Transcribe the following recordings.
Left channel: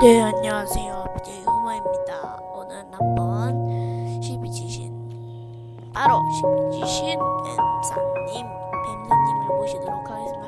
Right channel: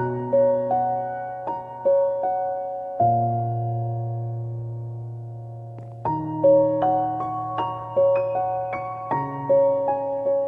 네, 안녕하세요. BJ 후마입니다. 오늘 한번 12지신, 바로 12지신 뱀사님, 뱀사님을 모시도록 하겠습니다.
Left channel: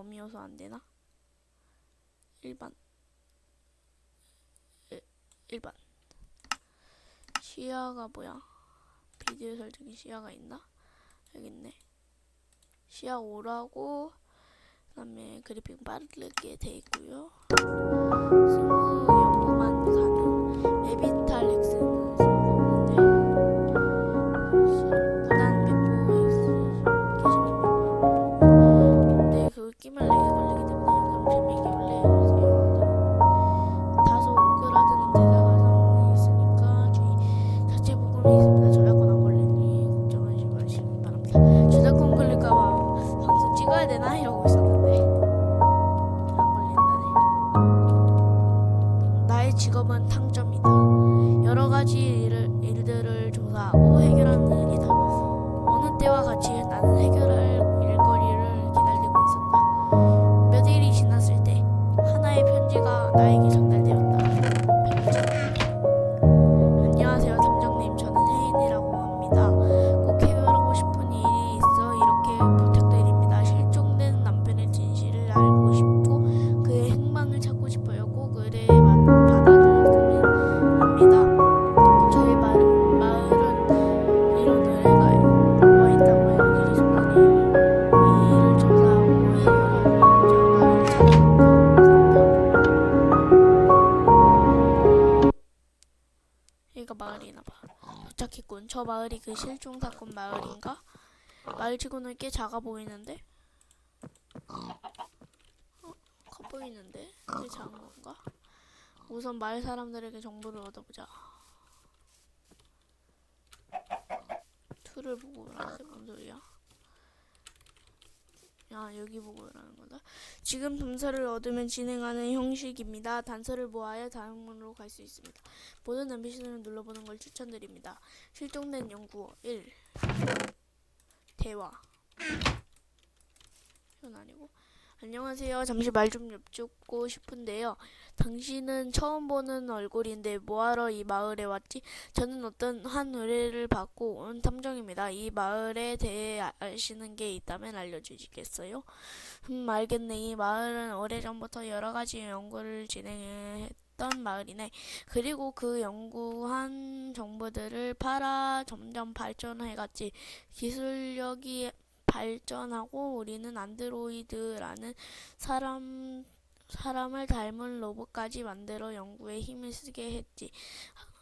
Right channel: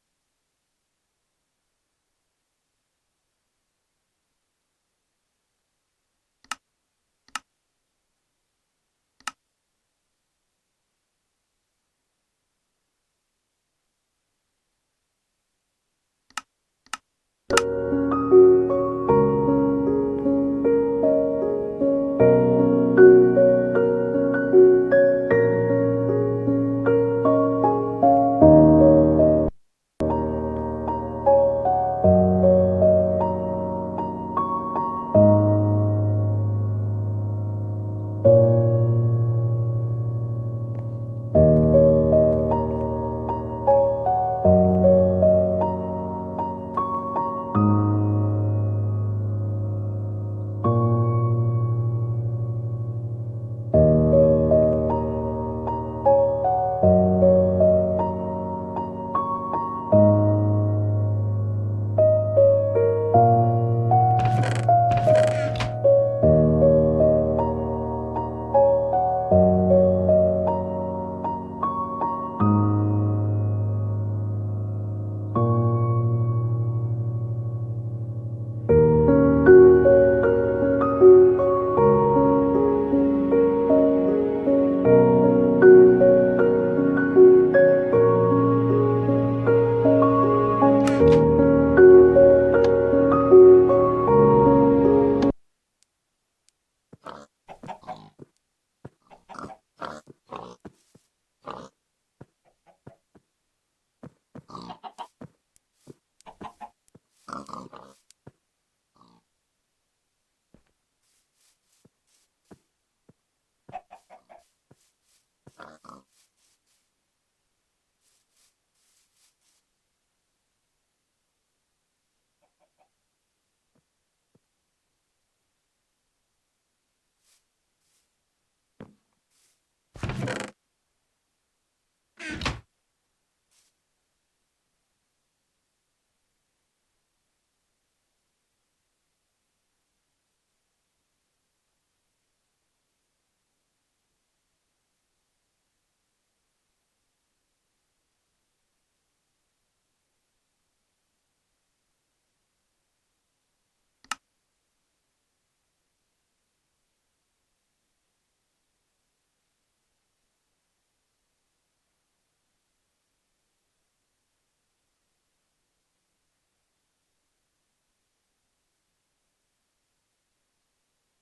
범위여서 안 되나? 1번. 1, 번 시야가 뭐야? 비디오 설정에 시야가 있나? 여기 있네. 시야 5라고 그다음에 그래픽 빠르게 돼 있고요. 방송 찍어야 되나 치고는 꽤 작아 보이는데? 어, 커 보이는데? 꽤 작은 건가? 우선 마을 사람들에게 정보를 얻어보자. 툴을 보고 그러는데 뭔 소리야? 야 여기 보고 그러는 거다. 지금 단서를 얻으면 진행하는 형식입니다. 단서를 모아야 다음으로 갈 수 있습니다. 모든 NPC들을 눌러보는 걸 추천드립니다. 실종된 연구 1 대화 이건 아니고 안녕하세요. 잠시 말 좀 여쭙고 싶은데요. 당신은 처음 보는 얼굴인데 뭐하러 이 마을에 왔지? 저는 어떤 한 의뢰를 받고 온 탐정입니다. 이 마을에 대해 아- 아시는 게 있다면 알려주시겠어요? 음, 알겠네. 이 마을은 오래전부터 여러 가지 연구를 진행 했던 마을이네. 그리고 그 연구한 정보들을 팔아 점점 발전해갔지. 기술력이 발전하고 우리는 안드로이드라는 사람 사람을 닮은 로봇까지 만들어 연구에 힘을 쓰게 했지.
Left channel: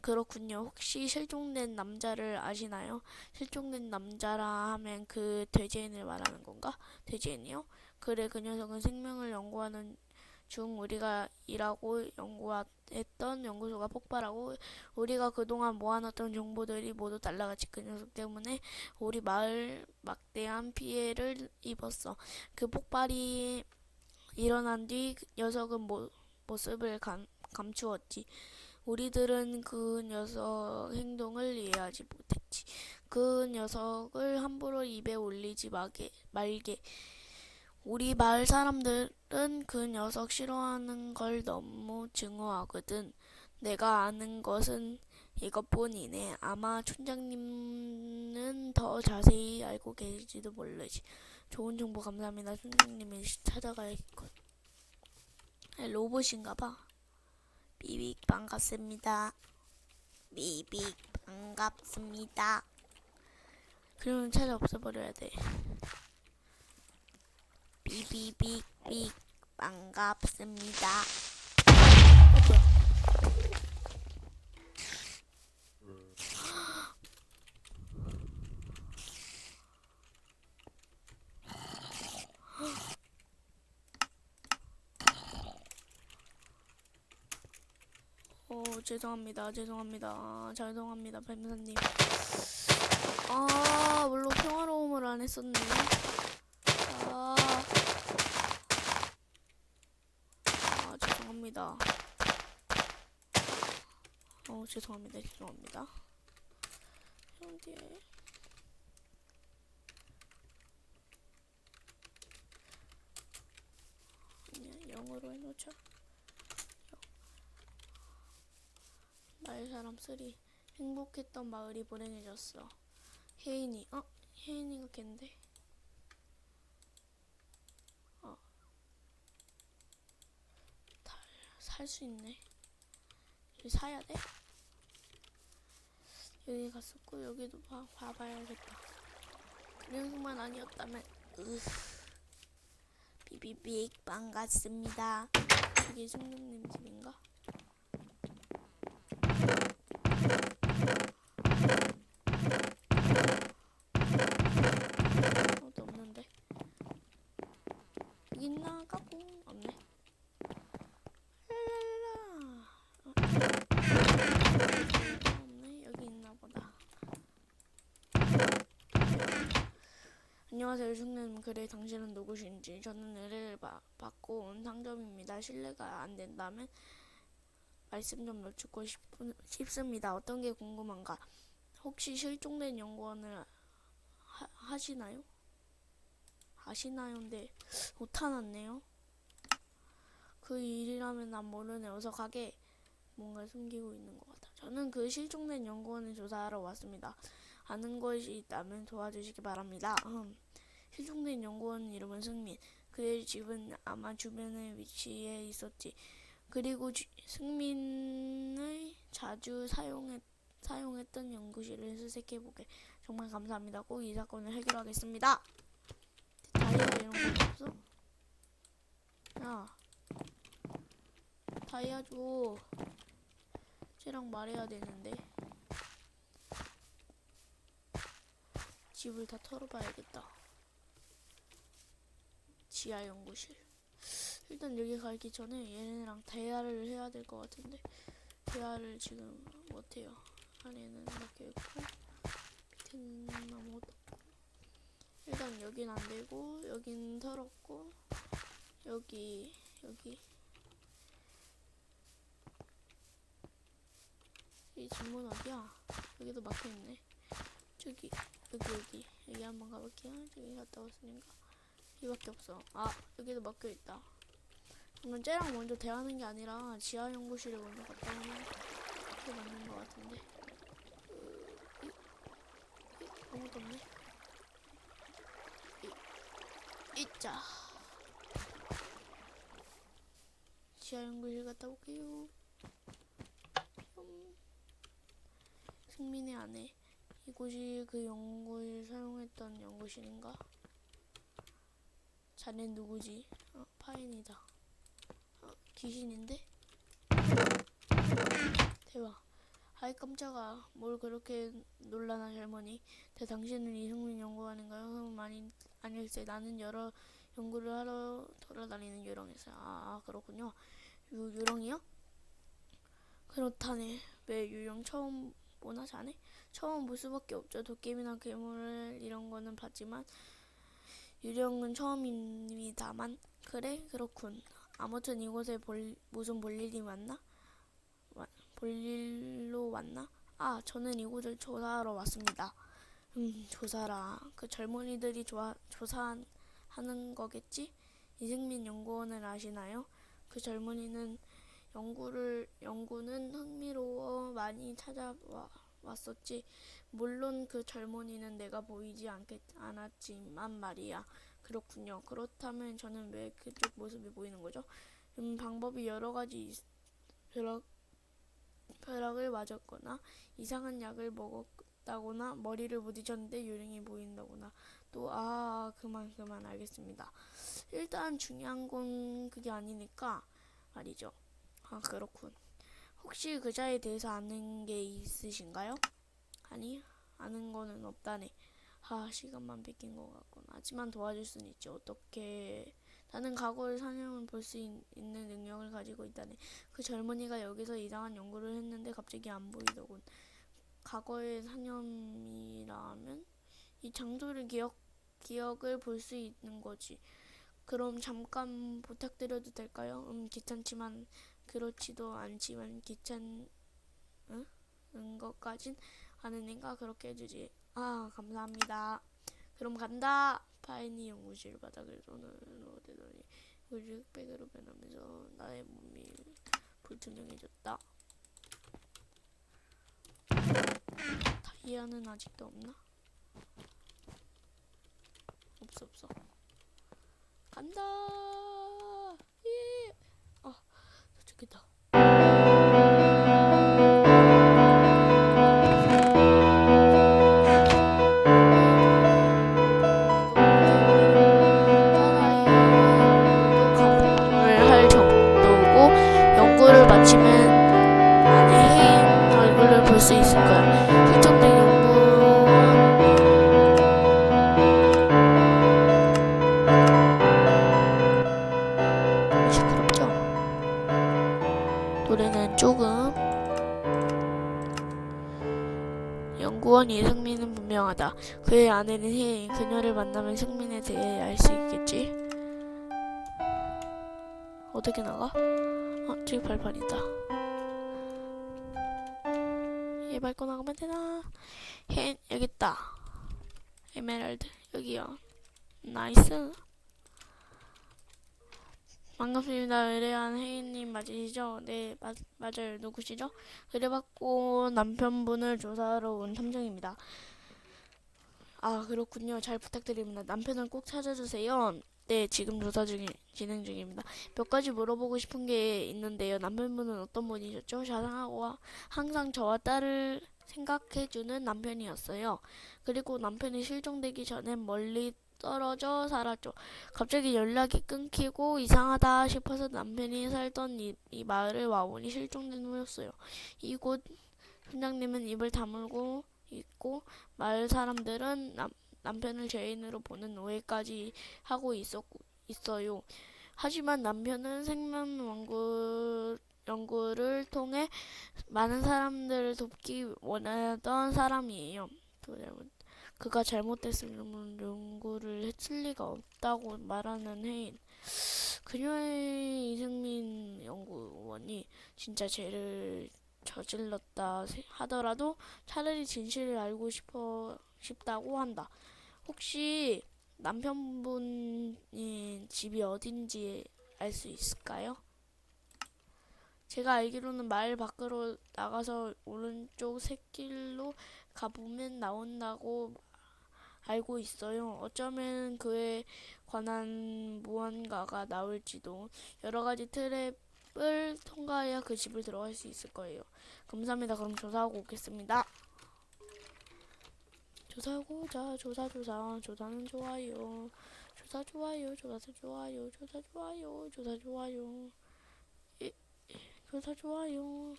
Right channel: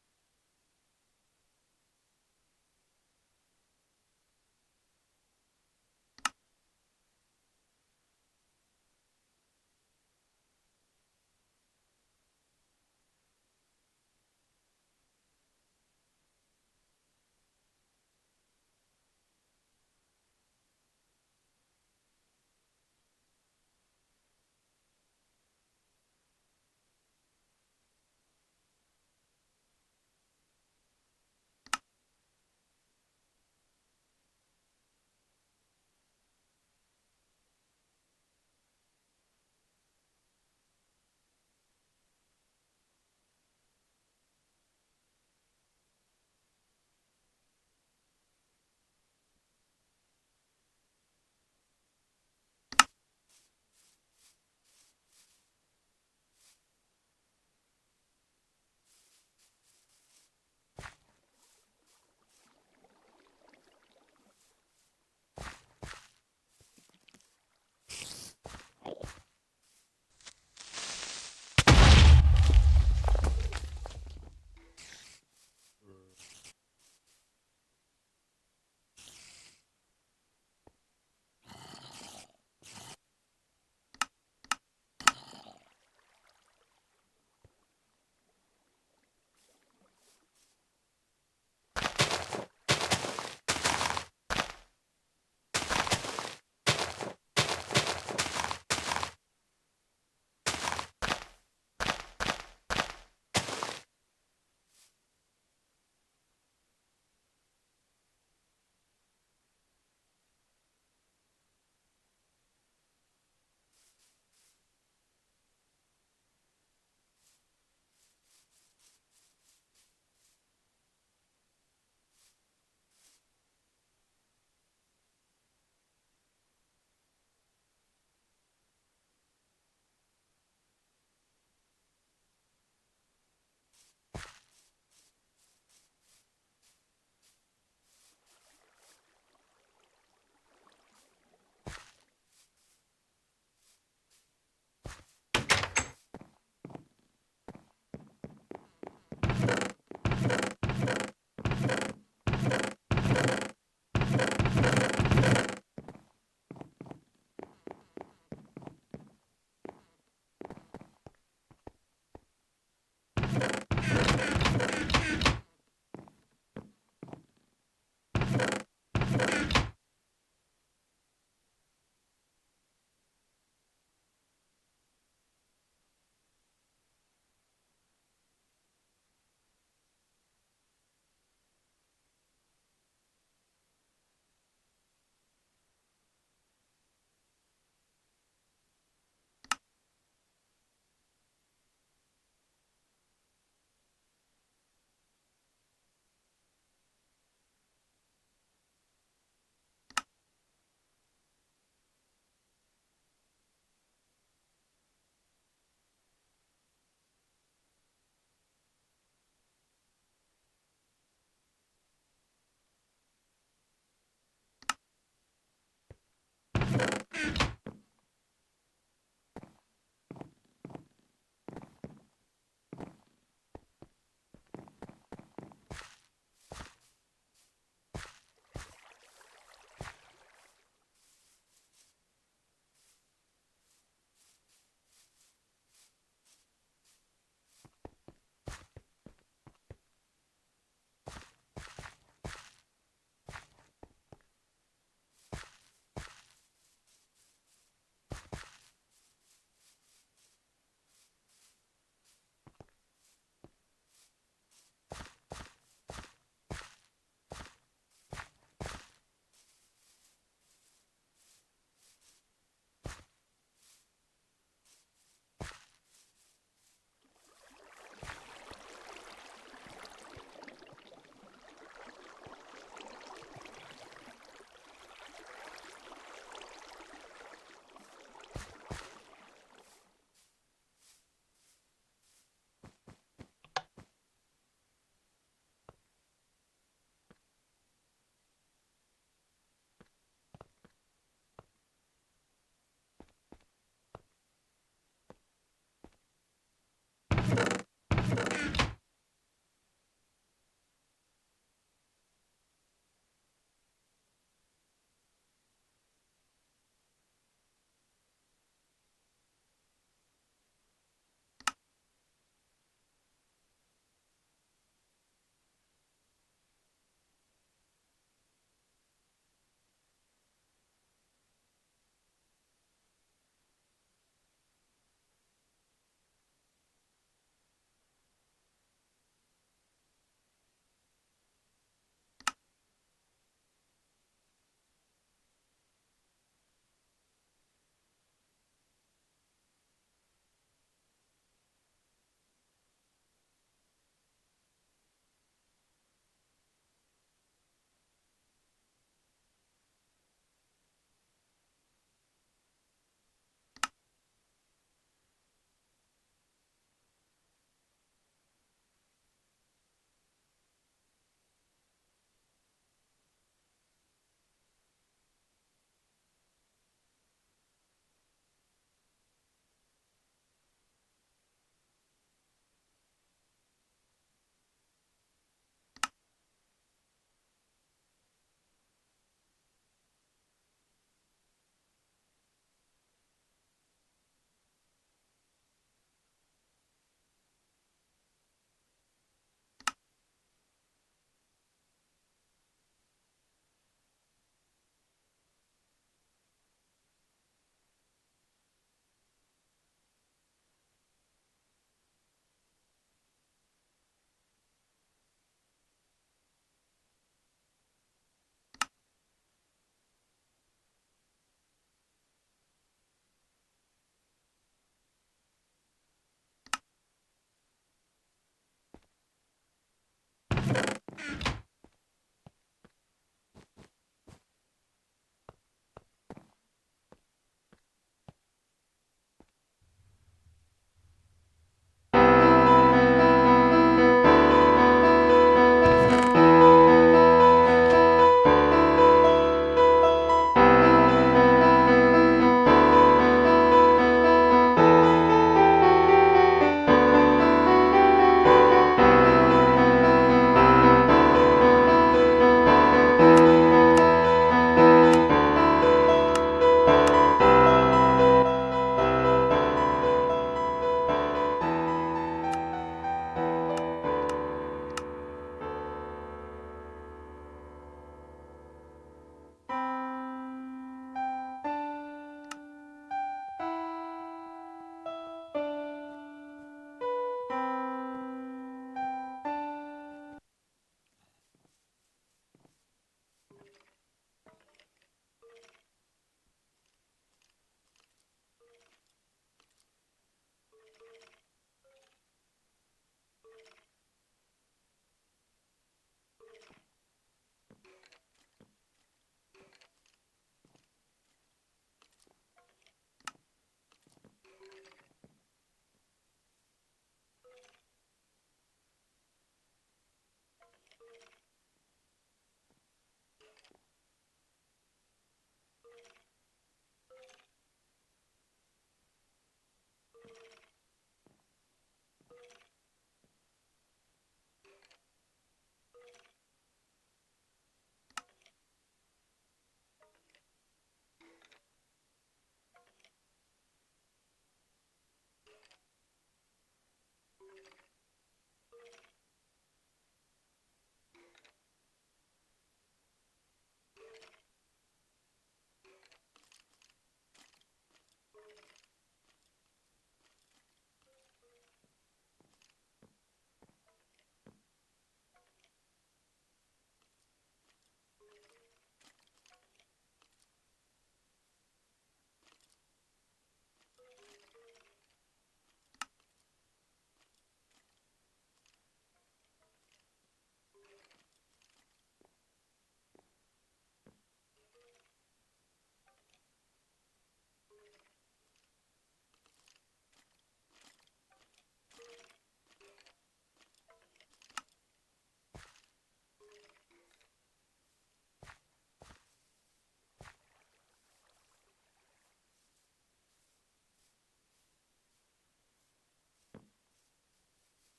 그렇군요. 혹시 실종된 남자를 아시나요? 실종된 남자라 하면 그 돼지인을 말하는 건가? 돼지인이요? 그래, 그 녀석은 생명을 연구하는 중 우리가 일하고 연구했던 연구소가 폭발하고 우리가 그동안 모아놨던 정보들이 모두 날라갔지. 그 녀석 때문에 우리 마을 막대한 피해를 입었어. 그 폭발이 일어난 뒤그 녀석은 모, 모습을 감, 감추었지. 우리들은 그 녀석 행동을 이해하지 못했지. 그 녀석을 함부로 입에 올리지 마게, 말게. 우리 마을 사람들은 그 녀석 싫어하는 걸 너무 증오하거든. 내가 아는 것은 이것뿐이네. 아마 촌장님은 더 자세히 알고 계실지도 모르지. 좋은 정보 감사합니다. 촌장님이 찾아가야겠군. 아, 로봇인가 봐. 비빅 반갑습니다. 비빅 반갑습니다. 그러면 찾아 없애버려야 돼. 비비빅빅 반갑습니다. 어, 죄송합니다. 죄송합니다. 죄송합니다. 뱀사님. 아, 물론 평화로움을 안 했었네. 아, 아 죄송합니다. 어, 죄송합니다. 죄송합니다. 어디에? 그냥 영어로 해놓자. 나의 사람 쓰리 행복했던 마을이 불행해졌어. 혜인이 어 혜인이가 걘데? 어 살 수 있네. 사야 돼? 여기 갔었고 여기도 봐 봐봐야겠다. 그냥만 아니었다면 으 비비빅 반갑습니다. 이게 승민님 집인가? 아무도 없는데. 있나 까꿍 없네. 랄랄라. 없네 여기 있나 보다. 안녕하세요 중님 그래 당신은 누구신지 저는 의뢰를 받- 받고 온 상점입니다. 실례가 안 된다면 말씀 좀 여쭙고 싶은, 싶습니다. 어떤 게 궁금한가? 혹시 실종된 연구원을 하, 하시나요? 하시나요인데 못하났네요. 그 일이라면 난 모르네. 어서 가게. 뭔가 숨기고 있는 것 같아. 저는 그 실종된 연구원을 조사하러 왔습니다. 아는 것이 있다면 도와주시기 바랍니다. 음. 실종된 연구원 이름은 승민. 그의 집은 아마 주변에 위치해 있었지. 그리고 주- 승민의 자주 사용했, 사용했던 연구실을 수색해보게. 정말 감사합니다. 꼭 이 사건을 해결하겠습니다. 야, 다이아 줘. 쟤랑 말해야 되는데. 집을 다 털어봐야겠다. 지하 연구실. 일단 여기 가기 전에 얘네랑 대화를 해야 될 것 같은데 대화를 지금 못해요. 안에는 이렇게 있고 밑에는 아무것도. 일단 여긴 안 되고 여긴 털었고 여기 여기 이 전문 어디야? 여기도 막혀있네. 저기 여기 여기 여기 한번 가볼게요. 저기 갔다 왔으니까 여기밖에 없어. 아 여기도 막혀 있다. 그러면 쟤랑 먼저 대하는 게 아니라 지하 연구실에 먼저 갔다 오는 게 맞는 것 같은데. 이- 있자. 지하 연구실 갔다 올게요. 음. 승민의 아내. 이곳이 그 연구실 사용했던 연구실인가? 자넨 누구지? 어, 파인이다. 어, 귀신인데? 대박. 아이 깜짝아. 뭘 그렇게 놀라나 젊은이. 대 당신은 이승민 연구원인가요? 흠 아니 아닐세. 나는 여러 연구를 하러 돌아다니는 유령이었어요. 아, 아 그렇군요. 유 유령이요? 그렇다네. 왜 유령 처음 보나 자네? 처음 볼 수밖에 없죠. 도깨비나 괴물 이런 거는 봤지만 유령은 처음입니다만 그래 그렇군. 아무튼 이곳에 볼, 무슨 볼일이 왔나? 와- 볼일로 왔나? 아 저는 이곳을 조사하러 왔습니다. 음 조사라. 그 젊은이들이 조아, 조사하는 거겠지? 이승민 연구원을 아시나요? 그 젊은이는 연구를 연구는 흥미로워 많이 찾아와 왔었지. 물론 그 젊은이는 내가 보이지 않겠, 않았지만 말이야. 그렇군요. 그렇다면 저는 왜 그쪽 모습이 보이는 거죠? 음, 방법이 여러 가지 있, 벼락, 벼락을 맞았거나 이상한 약을 먹었다거나 머리를 부딪혔는데 요령이 보인다거나 또 아 그만 그만 알겠습니다. 일단 중요한 건 그게 아니니까 말이죠. 아 그렇군. 혹시 그자에 대해서 아는 게 있으신가요? 아니 아는 거는 없다네. 아 시간만 뺏긴 것 같군. 하지만 도와줄 수는 있지. 어떻게 나는 과거의 사냥을 볼 수 있는 능력을 가지고 있다네. 그 젊은이가 여기서 이상한 연구를 했는데 갑자기 안 보이더군. 과거의 사념이라면 이 장소를 기억 기억을 볼 수 있는 거지. 그럼 잠깐 부탁드려도 될까요? 음 귀찮지만 그렇지도 않지만 귀찮은 것까진 않으니까 그렇게 해주지. 아 감사합니다. 그럼 간다. 파인이 연구실 바닥을 손으로 대더니 우주백으로 변하면서 나의 몸이 불투명해졌다. 다이아는 아직도 없나? 없어 없어. 간다. 어떻게 나가? 어, 저기 발판이다. 얘 밟고 나가면 되나? 혜인 여기 있다. 에메랄드 여기요. 나이스. 반갑습니다. 의뢰한 혜인님 맞으시죠? 네, 맞, 맞아요. 누구시죠? 의뢰받고 남편분을 조사하러 온 탐정입니다. 아, 그렇군요. 잘 부탁드립니다. 남편을 꼭 찾아주세요. 네, 지금 조사 중이, 진행 중입니다. 몇 가지 물어보고 싶은 게 있는데요. 남편분은 어떤 분이셨죠? 자상하고 항상 저와 딸을 생각해주는 남편이었어요. 그리고 남편이 실종되기 전에 멀리 떨어져 살았죠. 갑자기 연락이 끊기고 이상하다 싶어서 남편이 살던 이, 이 마을에 와보니 실종된 후였어요. 이곳 팀장님은 입을 다물고 있고 마을 사람들은 남, 남편을 죄인으로 보는 오해까지 하고 있었, 있어요. 하지만 남편은 생명 연구, 연구를 통해 많은 사람들을 돕기 원하던 사람이에요. 그가 잘못됐으면 연구를 해칠 리가 없다고 말하는 해인. 그녀의 이승민 연구원이 진짜 죄를 저질렀다 세- 하더라도 차라리 진실을 알고 싶어 싶다고 한다. 혹시 남편분이 집이 어딘지 알 수 있을까요? 제가 알기로는 마을 밖으로 나가서 오른쪽 샛길로 가보면 나온다고 알고 있어요. 어쩌면 그에 관한 무언가가 나올지도 여러 가지 트랩을 통과해야 그 집을 들어갈 수 있을 거예요. 감사합니다. 그럼 조사하고 오겠습니다. 조사하고자 조사 조사 조사는 좋아요. 조사 좋아요. 조사 좋아요. 조사 좋아요. 조사 좋아요. 이, 조사 좋아요.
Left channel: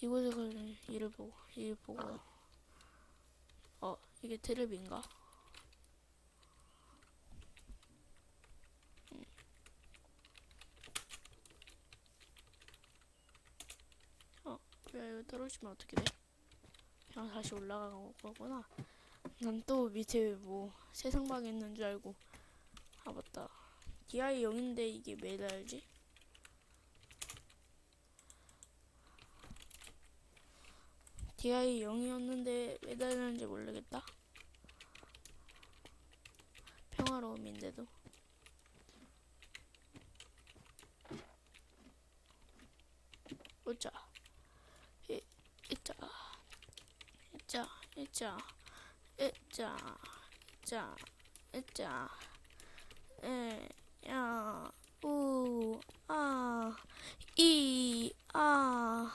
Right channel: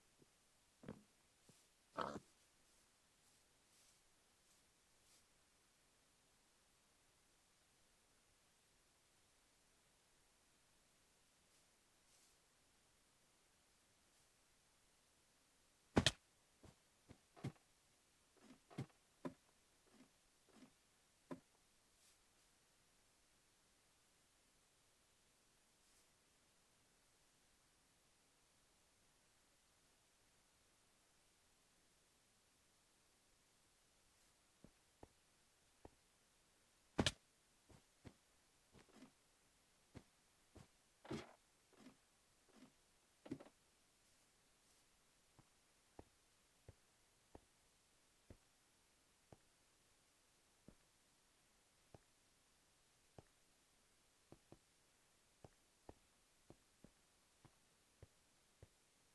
이곳에 관련 일을 보고 일 보고 어 이게? 음. 어, 야, 이거 떨어지면 어떻게 돼? 그냥 다시 올라가는 거구나. 난 또 밑에 뭐 세상방에 있는 줄 알고. 아 맞다. DI 0인데 이게 왜 달지? DI 0이었는데 왜 달는지 모르겠다. 평화로움인데도. 이, 이자. 이자. 이자. 이자. 이자. 이자. 에, 야, 우, 아, 이, 아,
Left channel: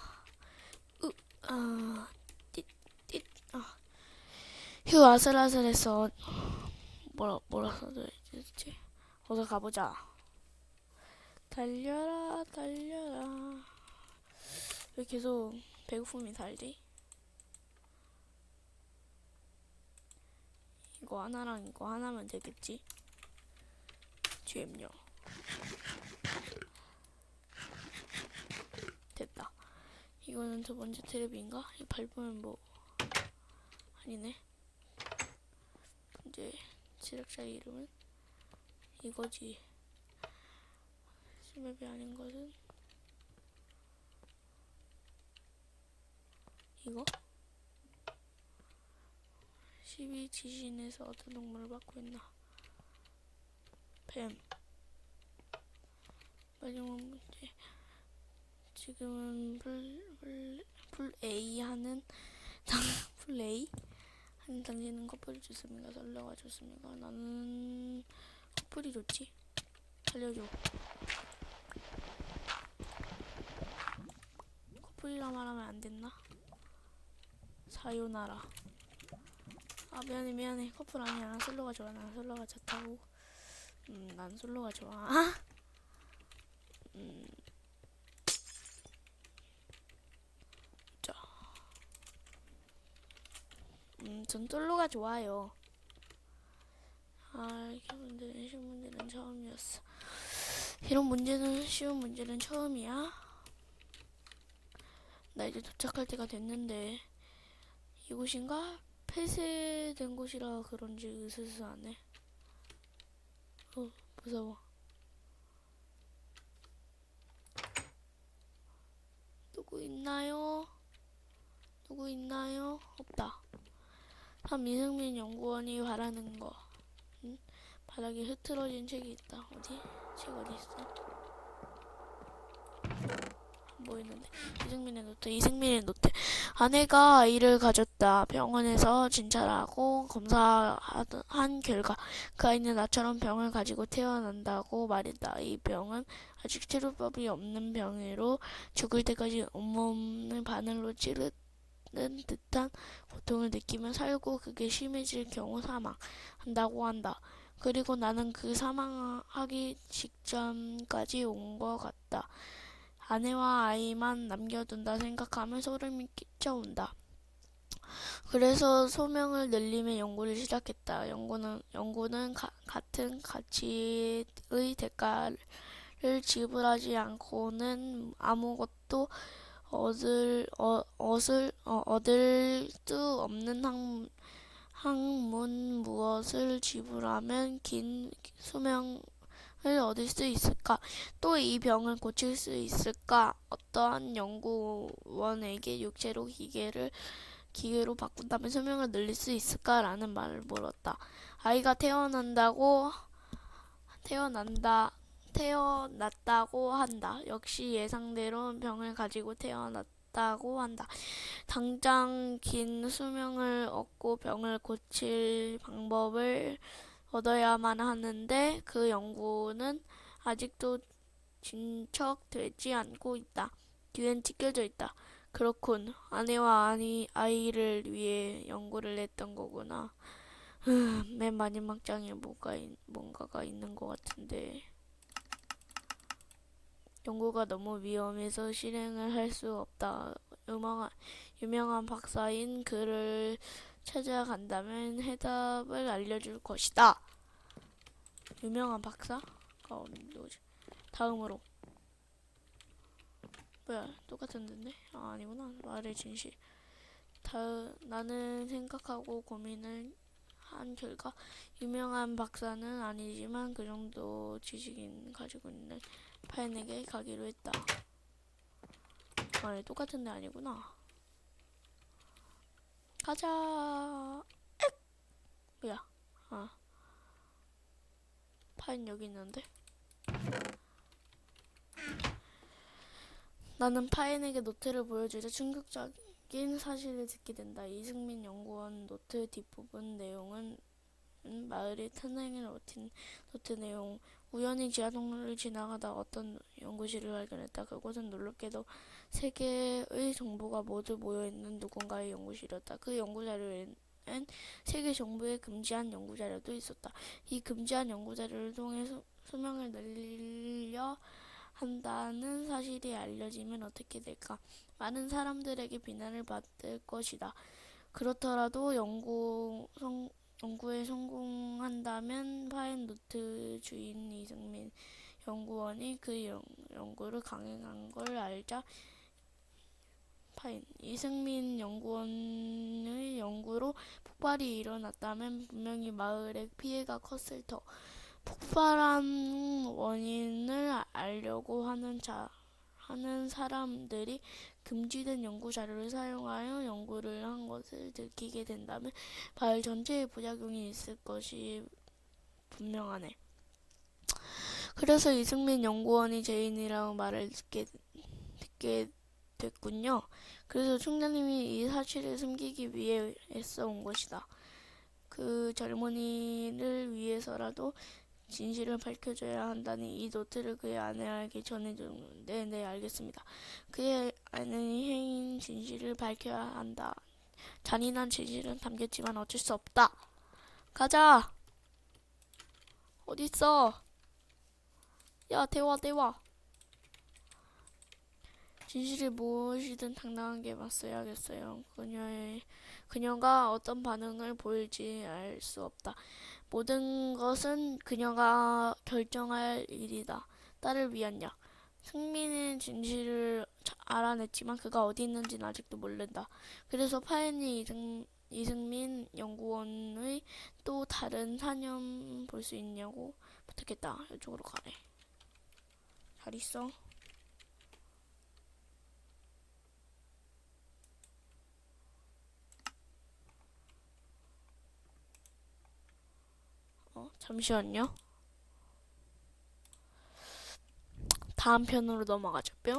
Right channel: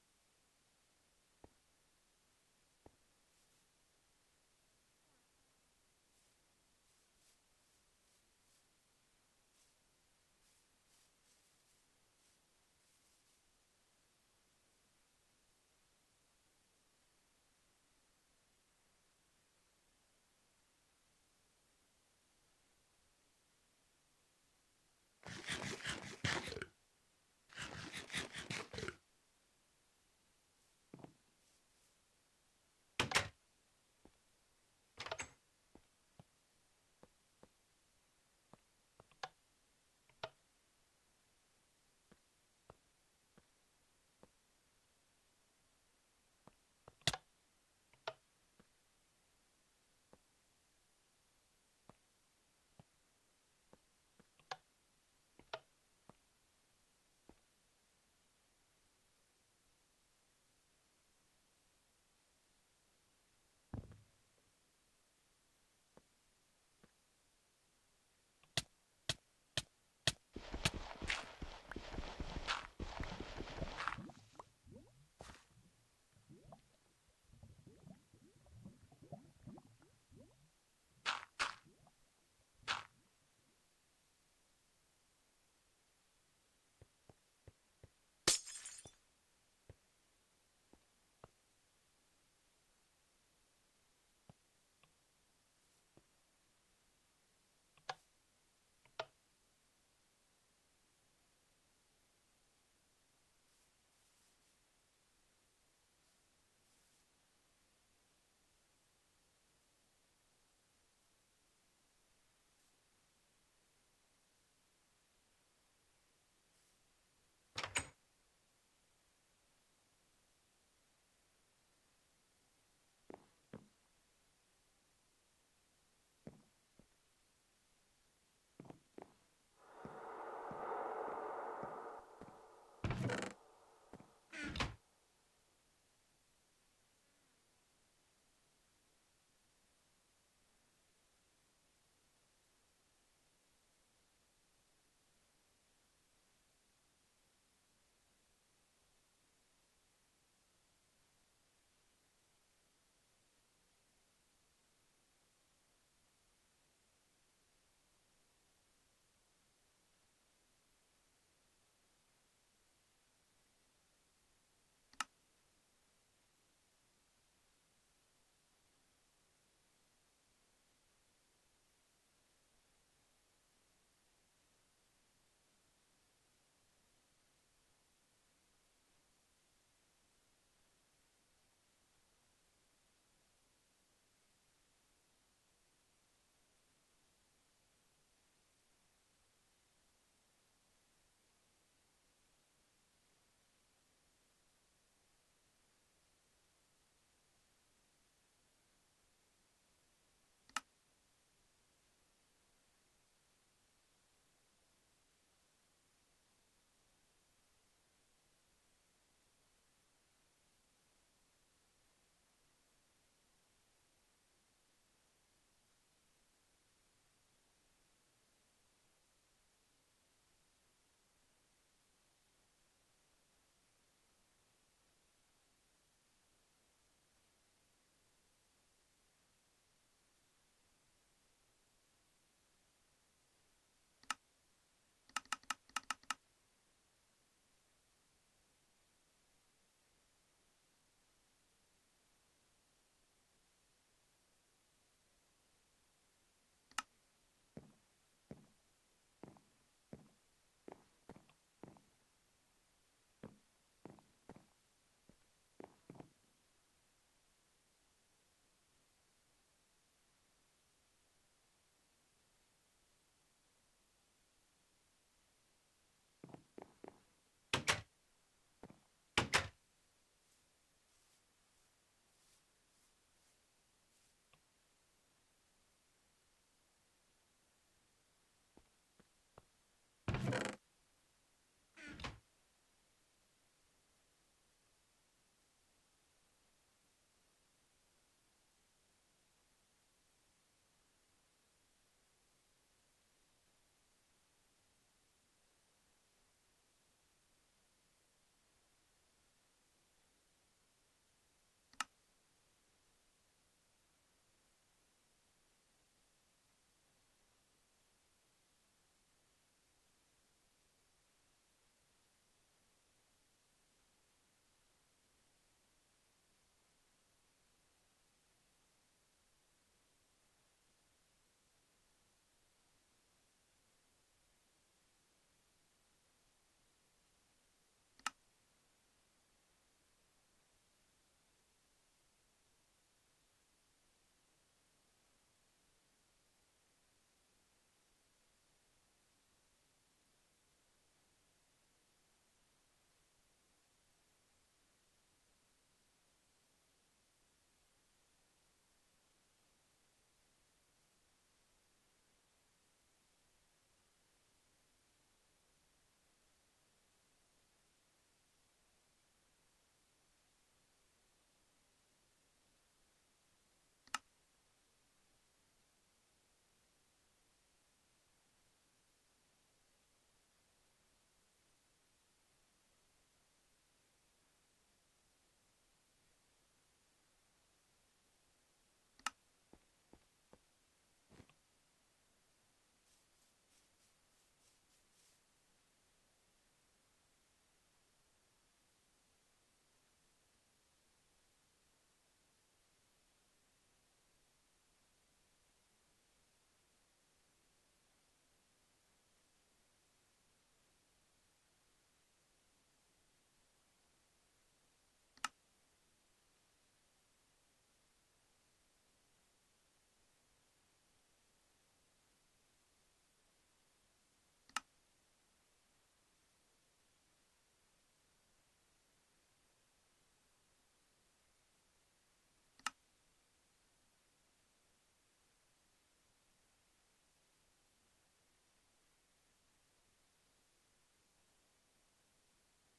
으, 아, 띠, 띠, 아. 휴, 아슬아슬해서. 뭐라, 뭐라 써야 되지? 어서 가보자. 달려라, 달려라. 왜 계속 배고픔이 달지? 이거 하나랑 이거 하나면 되겠지? GM요. 됐다. 이거는 두 번째 트랩인가? 이 밟으면 뭐 아니네. 이제 제작자 이름은 이거지. 스맵이 아닌 것은 이거? 12 지신에서 어떤 동물을 받고 있나? 뱀. 마지막 문제. 지금은 풀, 풀, 풀 A 하는 당, 풀 A 하는 당신은 커플이 좋습니까? 설레가 좋습니까? 나는 커플이 좋지. 살려줘. 커플이라 말하면 안 됐나? 사요나라. 아 미안해 미안해 커플 아니야 난 솔로가 좋아 난 솔로가 좋다고 음 난 솔로가 좋아 음. 자. 음, 전 솔로가 좋아요. 아, 이렇게 문제는 쉬운 문제는 처음이었어. 이런 문제는 쉬운 문제는 처음이야. 나 이제 도착할 때가 됐는데 이곳인가? 폐쇄된 곳이라 그런지 으스스 하네. 어, 무서워. 누구 있나요? 누구 있나요? 없다. 다음 이승민 연구원이 바라는 거. 응? 바닥에 흐트러진 책이 있다. 어디? 책 어디 있어? 안 보이는데. 이승민의 노트. 이승민의 노트. 아내가 아이를 가졌다. 병원에서 진찰하고 검사한 결과 그 아이는 나처럼 병을 가지고 태어난다고 말했다. 이 병은 아직 치료법이 없는 병으로 죽을 때까지 온몸을 바늘로 찌르 는 듯한 고통을 느끼며 살고 그게 심해질 경우 사망한다고 한다. 그리고 나는 그 사망하기 직전까지 온 것 같다. 아내와 아이만 남겨둔다 생각하면 소름이 끼쳐온다. 그래서 소명을 늘리며 연구를 시작했다. 연구는 연구는 가- 같은 가치의 대가를 지불하지 않고는 아무것도 얻을 어, 얻을 어, 얻을 수 없는 학, 학문 무엇을 지불하면 긴 수명을 얻을 수 있을까? 또 이 병을 고칠 수 있을까? 어떠한 연구원에게 육체로 기계를 기계로 바꾼다면 수명을 늘릴 수 있을까라는 말을 물었다. 아이가 태어난다고 태어난다 태어났다고 한다. 역시 예상대로 병을 가지고 태어났다고 한다. 당장 긴 수명을 얻고 병을 고칠 방법을 얻어야만 하는데 그 연구는 아직도 진척되지 않고 있다. 뒤엔 찢겨져 있다. 그렇군. 아내와 아니, 아이를 위해 연구를 했던 거구나. 흠, 맨 마지막 장에 뭔가, 있- 뭔가가 있는 것 같은데. 연구가 너무 위험해서 실행을 할 수 없다. 유명한, 유명한 박사인 그를 찾아간다면 해답을 알려줄 것이다. 유명한 박사가 누구지? 다음으로. 뭐야, 똑같은 데인데? 아, 아니구나. 말의 진실. 다, 나는 생각하고 고민을 한 결과 유명한 박사는 아니지만 그 정도 지식인 가지고 있는 파인에게 가기로 했다. 아니 똑같은 데 아니구나. 가자. 액! 뭐야? 아. 파인 여기 있는데. 나는 파인에게 노트를 보여주자 충격적인 사실을 듣게 된다. 이승민 연구원 노트 뒷부분 내용은 음, 마을의 탄생을 버틴 노트 내용. 우연히 지하 통로를 지나가다 어떤 연구실을 발견했다. 그곳은 놀랍게도 세 개의 정보가 모두 모여 있는 누군가의 연구실이었다. 그 연구 자료에는 세계 정부의 금지한 연구 자료도 있었다. 이 금지한 연구 자료를 통해 수, 수명을 늘려 한다는 사실이 알려지면 어떻게 될까? 많은 사람들에게 비난을 받을 것이다. 그렇더라도 연구 성, 연구에 성공한다면 파인 노트 주인 이승민 연구원이 그 연, 연구를 강행한 걸 알자 파인 이승민 연구원의 연구로 폭발이 일어났다면 분명히 마을에 피해가 컸을 터. 폭발한 원인을 알려고 하는 자 하는 사람들이 금지된 연구 자료를 사용하여 연구를 한 것을 들키게 된다면 마을 전체에 부작용이 있을 것이 분명하네. 그래서 이승민 연구원이 죄인이라고 말을 듣게, 듣게 됐군요. 그래서 총장님이 이 사실을 숨기기 위해 애써온 것이다. 그 젊은이를 위해서라도 진실을 밝혀줘야 한다니 이 노트를 그의 아내에게 전해줬는데 네 알겠습니다. 그의 아내의 해인 진실을 밝혀야 한다. 잔인한 진실은 담겼지만 어쩔 수 없다. 가자. 어딨어? 야 대화 대화. 진실이 무엇이든 당당하게 맞서야겠어요. 그녀의 그녀가 어떤 반응을 보일지 알 수 없다. 모든 것은 그녀가 결정할 일이다. 딸을 위한 약. 승민의 진실을 자- 알아냈지만 그가 어디 있는지는 아직도 모른다. 그래서 파엔이 이승, 이승민 연구원의 또 다른 사념 볼 수 있냐고 부탁했다. 이쪽으로 가래. 잘 있어. 어, 잠시만요. 다음 편으로 넘어가죠. 뿅.